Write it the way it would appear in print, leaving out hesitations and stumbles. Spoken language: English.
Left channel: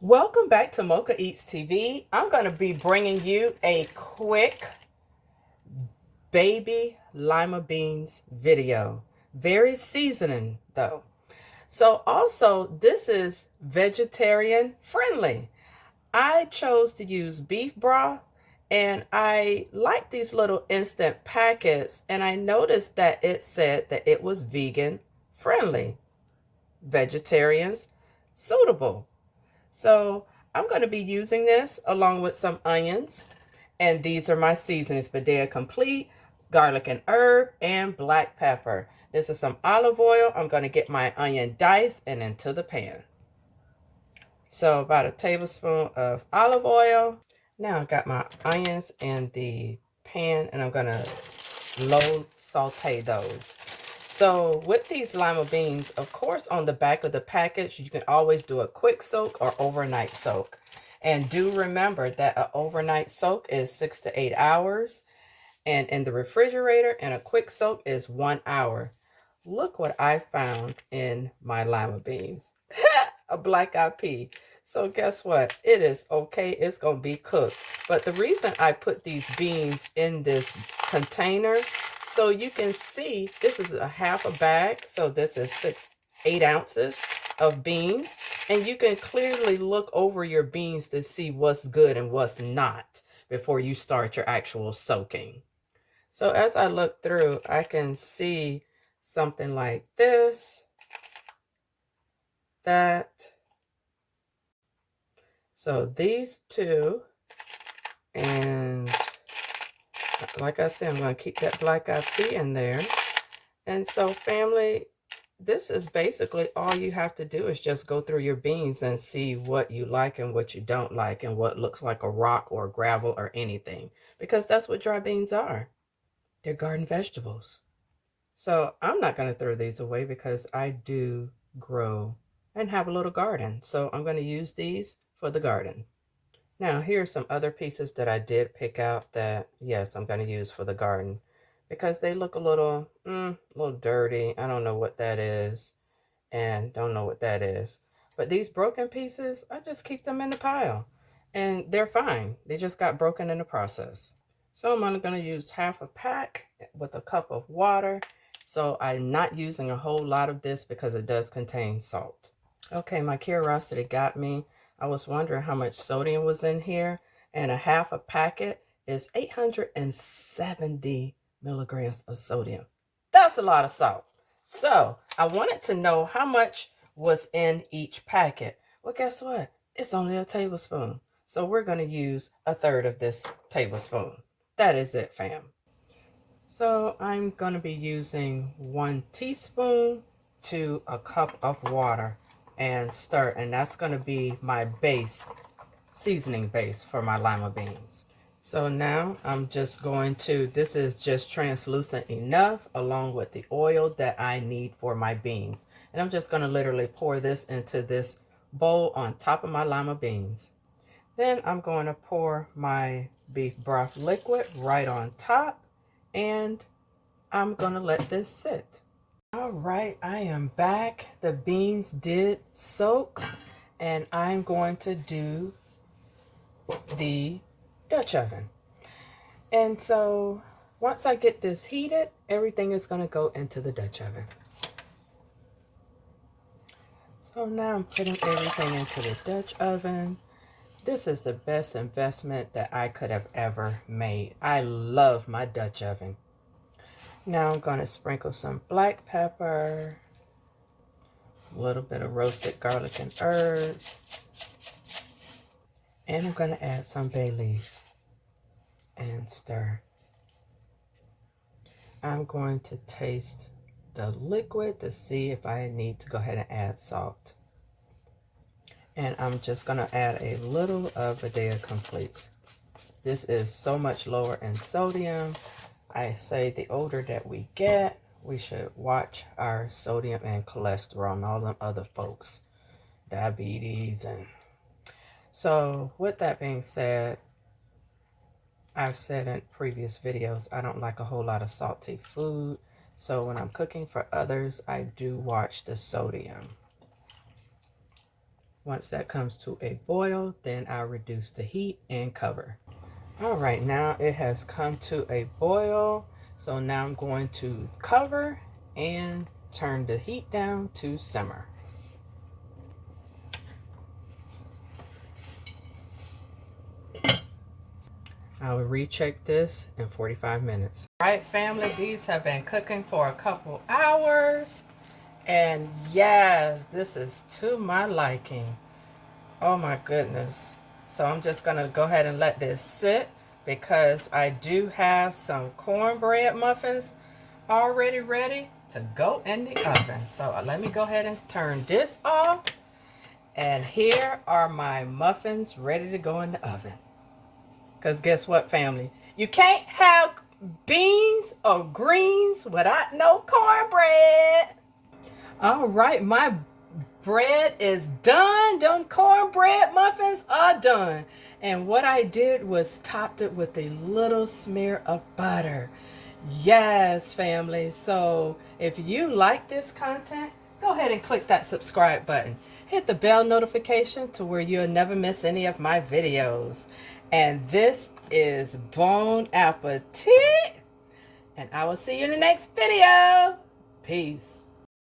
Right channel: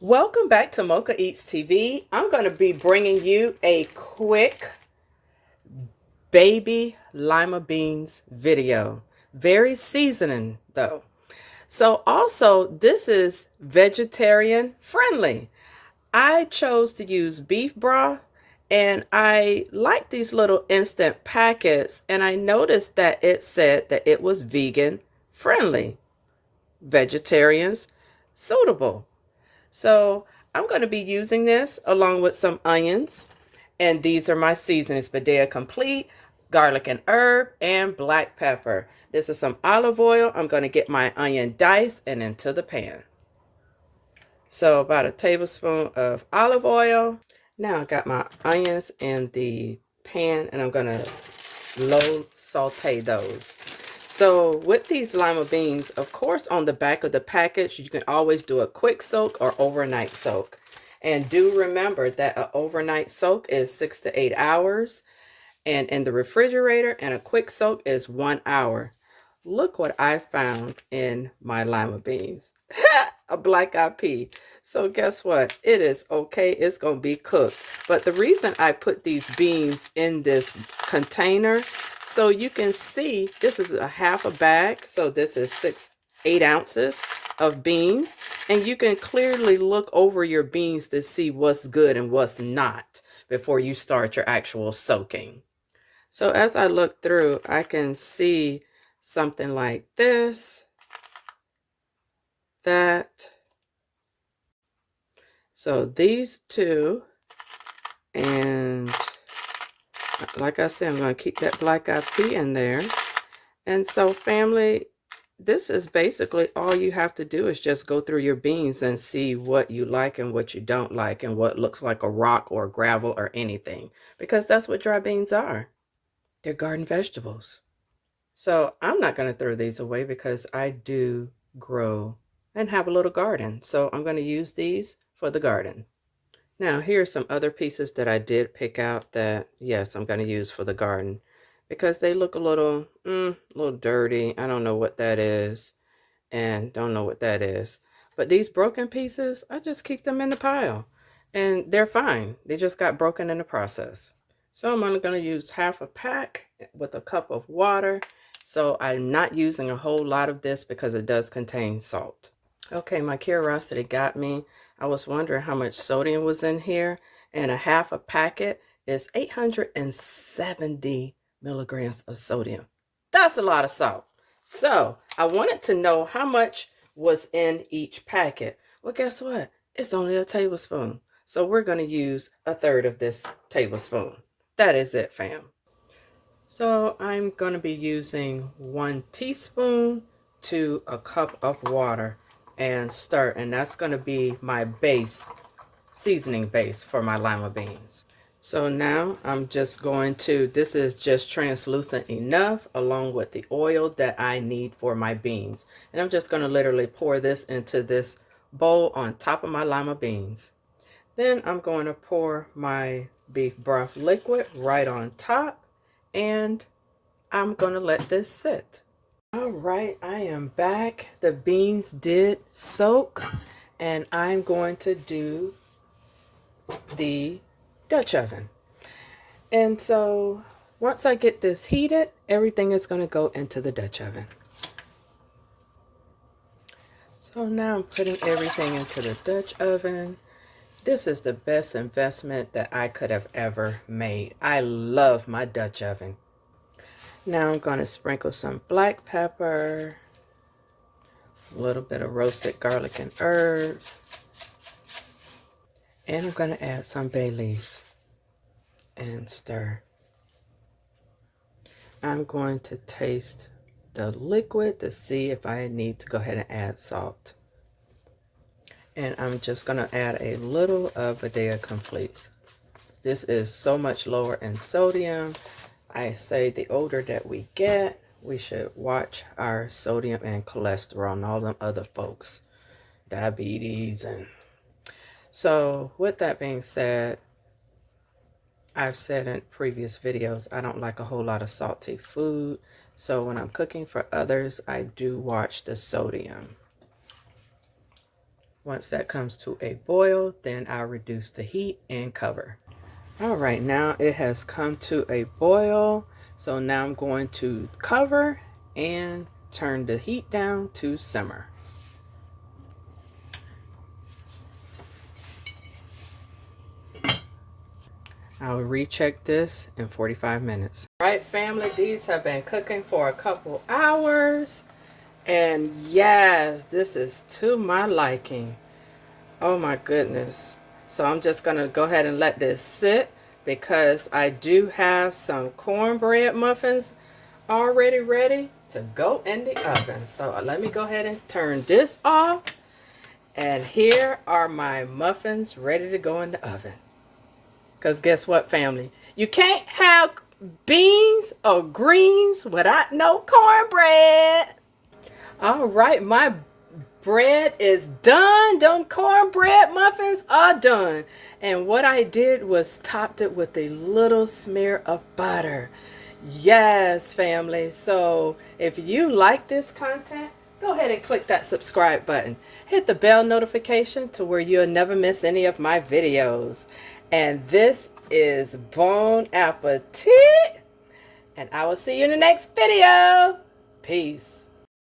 Welcome back to Mocha Eats TV. I'm going to be bringing you a quick baby lima beans video. Very seasoning though. So also this is vegetarian friendly. I chose to use beef broth and I like these little instant packets, and I noticed that it said that it was vegan friendly, vegetarians suitable. So I'm going to be using this along with some onions. And these are my seasonings: Badea Complete, garlic and herb, and black pepper. This is some olive oil. I'm going to get my onion diced and into the pan. So about a tablespoon of olive oil. Now I got my onions in the pan and I'm going to low saute those. So with these lima beans, of course, on the back of the package, you can always do a quick soak or overnight soak. And do remember that an overnight soak is 6 to 8 hours, and in the refrigerator, and a quick soak is 1 hour. Look what I found in my lima beans. A black eyed pea. So guess what? It is okay. It's going to be cooked. But the reason I put these beans in this container, so you can see, this is a half a bag. So this is 8 ounces of beans. And you can clearly look over your beans to see what's good and what's not before you start your actual soaking. So as I look through, I can see something like this, that. So these two, and like I said, I'm going to keep that black eyed pea in there. And so family, this is basically all you have to do is just go through your beans and see what you like and what you don't like, and what looks like a rock or gravel or anything, because that's what dry beans are. They're garden vegetables. So I'm not going to throw these away because I do grow and have a little garden. So I'm going to use these for the garden. Now, here are some other pieces that I did pick out that, yes, I'm going to use for the garden because they look a little dirty. I don't know what that is, and don't know what that is. But these broken pieces, I just keep them in the pile, and they're fine. They just got broken in the process. So I'm only going to use half a pack with a cup of water. So I'm not using a whole lot of this because it does contain salt. Okay, my curiosity got me. I was wondering how much sodium was in here, and a half a packet is 870 milligrams of sodium. That's a lot of salt. So I wanted to know how much was in each packet. Well, guess what? It's only a tablespoon. So we're going to use a third of this tablespoon. That is it, fam. So I'm going to be using 1 teaspoon to a cup of water and stir, and that's going to be my base, seasoning base for my lima beans. So now I'm just going to, this is just translucent enough along with the oil that I need for my beans. And I'm just going to literally pour this into this bowl on top of my lima beans. Then I'm going to pour my beef broth liquid right on top, and I'm going to let this sit. All right, I am back. The beans did soak, and I'm going to do the Dutch oven. And so once I get this heated, everything is going to go into the Dutch oven. So now I'm putting everything into the Dutch oven. This is the best investment that I could have ever made. I love my Dutch oven. Now I'm going to sprinkle some black pepper, a little bit of roasted garlic and herb, and I'm going to add some bay leaves and stir. I'm going to taste the liquid to see if I need to go ahead and add salt. And I'm just going to add a little of Badea Complete. This is so much lower in sodium. I say the older that we get, we should watch our sodium and cholesterol and all them other folks, diabetes. And so with that being said, I've said in previous videos, I don't like a whole lot of salty food. So when I'm cooking for others, I do watch the sodium. Once that comes to a boil, then I'll reduce the heat and cover. All right, now it has come to a boil. So now I'm going to cover and turn the heat down to simmer. I'll recheck this in 45 minutes. All right, family, these have been cooking for a couple hours. And yes, this is to my liking. Oh my goodness. So I'm just going to go ahead and let this sit because I do have some cornbread muffins already ready to go in the oven. So let me go ahead and turn this off. And here are my muffins ready to go in the oven. Because guess what, family? You can't have beans or greens without no cornbread. All right, my bread is done. Them cornbread muffins are done. And what I did was topped it with a little smear of butter. Yes, family. So if you like this content, go ahead and click that subscribe button. Hit the bell notification to where you'll never miss any of my videos. And this is Bon Appetit. And I will see you in the next video. Peace.